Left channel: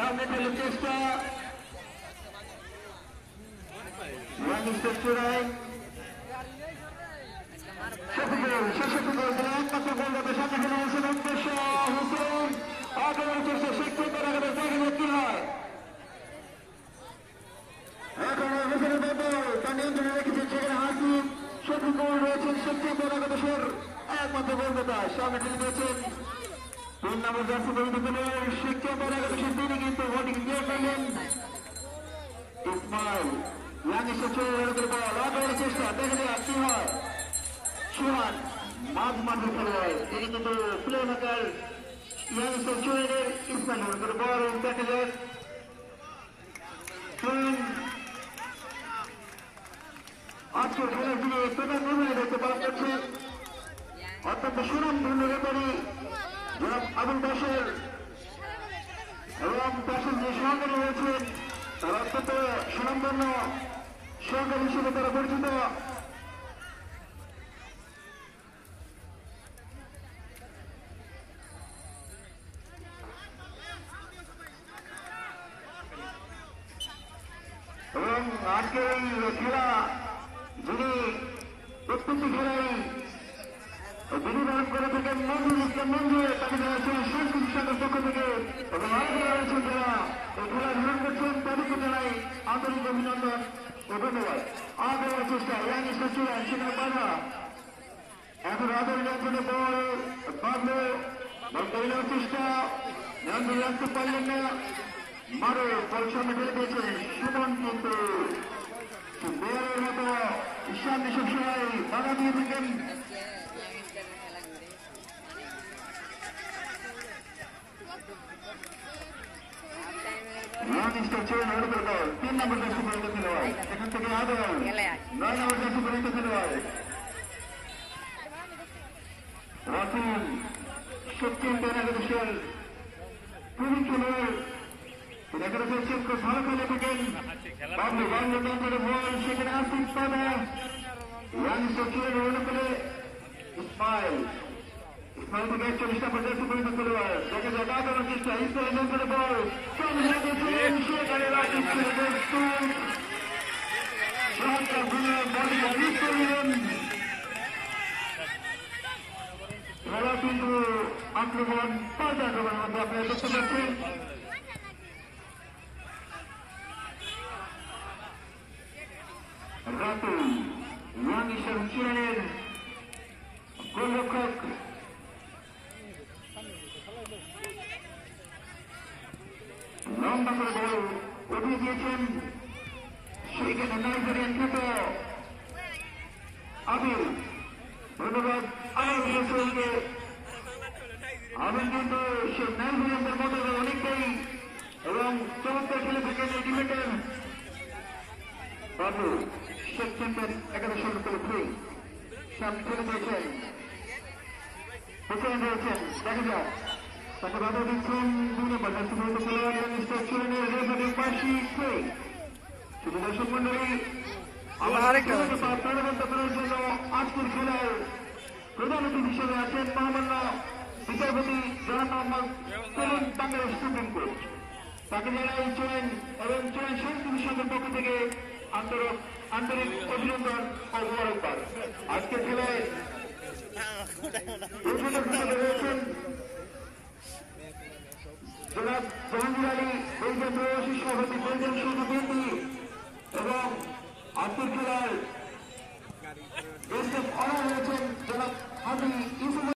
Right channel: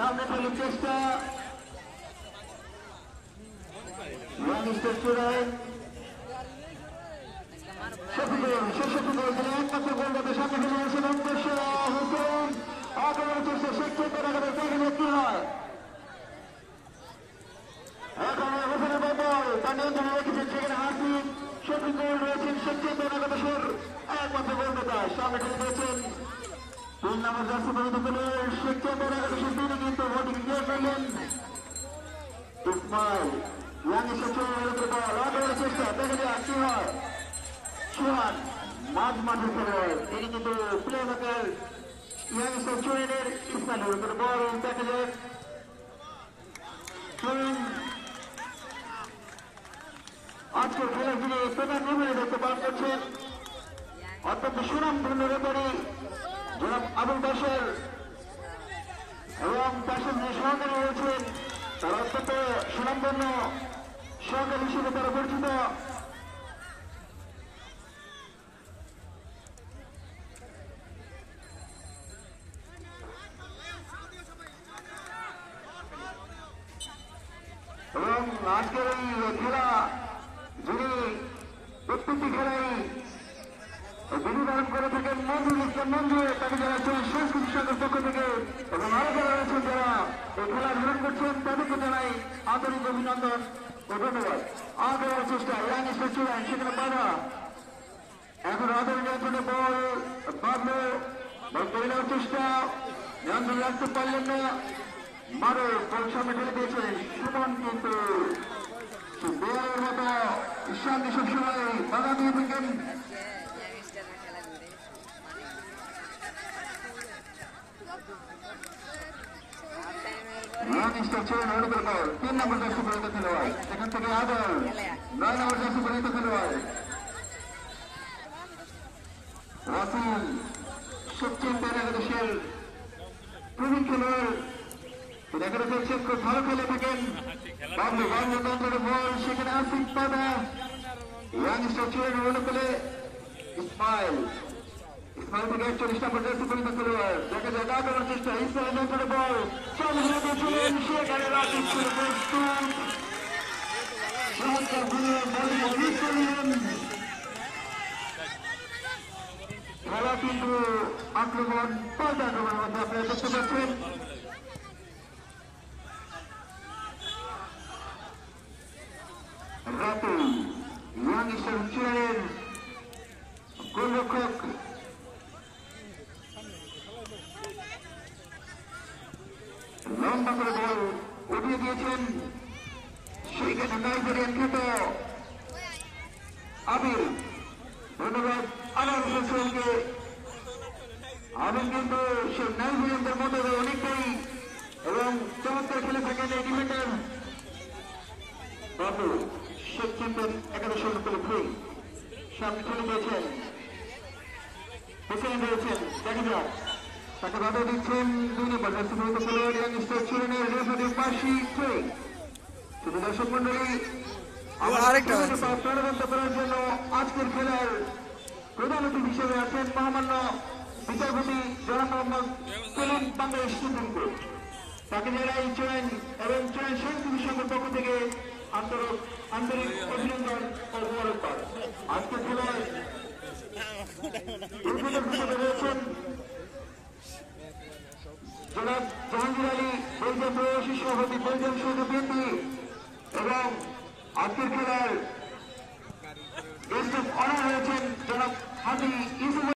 সামনে ফেলে চেষ্টা চূড়ায় একমাত্র গোলদাতা সামনে ফেলে গেছেন উদ্দেশ্য হোসেন আগের চেষ্টা শিক্ষিত কি হয় এখন হোসেনের দল তা নিয়ন্ত্রণে রেখেছেন সেখানে হাসিব শফিকুল রয়েছেন সবচেয়ে একাদশের একমাত্র গোলদাতা সামনে ফেলে দিয়েছেন 3 নম্বর জার্সি পরিণত শিক্ষিত একাদশের তিনি কিন্তু ভোটিং ক্লিয়ার করলেন ইসমাইল চেষ্টা দেখা যায় কি হয় শিহান মাঝ মাঠে খেলোয়াড় তিনি কিন্তু প্লে মেকার ইয়াংস্টার ইসমাইলের উপর বড় দেখা যায় আজকের খেলার তিনি প্রধান নির্মাণে দেখতে পাওয়া করছেন অত্যন্ত সুনাম ধন্য ব্যাপারী জনাব আবুল বাসের এবং বাসের যে সহকারী রয়েছেন তারা অত্যন্ত সুনামধন্য সহকারী হিসেবে তারা পরিচিত এবং আজকের এই খেলা যিনি প্রত্যেকটি খেলায় যিনি ধারণ করে থাকেন মঞ্জুর ইসলাম মঞ্জুর তাকে জানাচ্ছেন সংস্কৃতি সঙ্গের পক্ষ থেকে এবং আরো যারা রয়েছেন যারা এই খেলা ধারণ করছেন তাদেরকে জানাই আন্তরিক অভিনন্দন ও ধন্যবাদ আগে চেষ্টা ইয়াংস্টার চূড়ান সেখানে বাধা এখন আদর নিয়ন্ত্রণে বল বাঁধলো বল করে নেওয়ার চেষ্টা নিয়ন্ত্রণ রাখতে পারলেন না মারো বল সামনে ফেলে দিয়েছে শুভম কিন্তু বলের মতো ঈশান সবসময় বাধা দিয়ে থাকেন ইয়াংস্টার চূড়ান ওড়ে বল 3 নম্বর জার্সি পরিণত খেলোয়াড় এখান থেকে আদর 9 নম্বর জার্সি পরিণত খেলোয়াড় রাসেল সবচেয়ে একাদশের প্রবীণ খেলোয়াড় একাদশের চেক করে ভালো খেলে থাকেন বাবলু তন্ত্রের বল সেখানে আসিফ পাদা ইয়াংস্টার চূড়ান ওড়ে ফেলে ইসমাইল থেকে 41 নম্বর জার্সি পরিণত খেলোয়াড় দেখা যায় আগানোর চেষ্টা ইসমাইলের নিয়ন্ত্রণে বল খেলা কিন্তু আক্রমণ পাল্টা আক্রমণ আপনারা দেখতে পাচ্ছেন রাতুল ইয়াংস্টার চূড়ানের গোলরক্ষক লম্বা করে বল উঠিয়ে দিয়েছেন সেইখানে নাইজেরিয়ান খ্যাত আবির ধন্যবাদ আবার বলেছিলেনকে আবির কিন্তু সেই নাইজেরিয়ানদের মধ্যে অনেকটাই এবং চমৎকার খেলে থাকেন এই ডিফেন্ডার বাবু সেপ্টেম্বর একাদশের উপরে ভুল সামনে খেলে দিয়েছেন হোসেন রয়েছেন দেখা যাক তাকে বাধা দিচ্ছেন 2 নম্বর জার্সি পরিণত খেলোয়াড় ইয়াংস্টার চূড়ানের রেফারি পাশি ঠিক শুধু দর্শক মন্ডলী আরেকটা করার জন্য আজকের খেলার প্রধান অতিথি হিসেবে আছেন মহামান্য বিচারপতি জনাব মোহাম্মদ সেলিম বাংলাদেশ সুপ্রিম কোর্ট তাকে যারা চূড়ান এবং চূড়ান সংস্কৃতি সংঘের পক্ষ থেকে আন্তরিক অভিনন্দন ও মোবারকবাদ আজকের খেলায় রয়েছেন জনাব জাহাঙ্গীর আলী বেলজিয়াম প্রবাসী সভাপতি বেলজিয়াম শহীদ বিএনপি এবং আজকের খেলায় গেস্ট অফ অনার হয়েছেন জনাব হাজি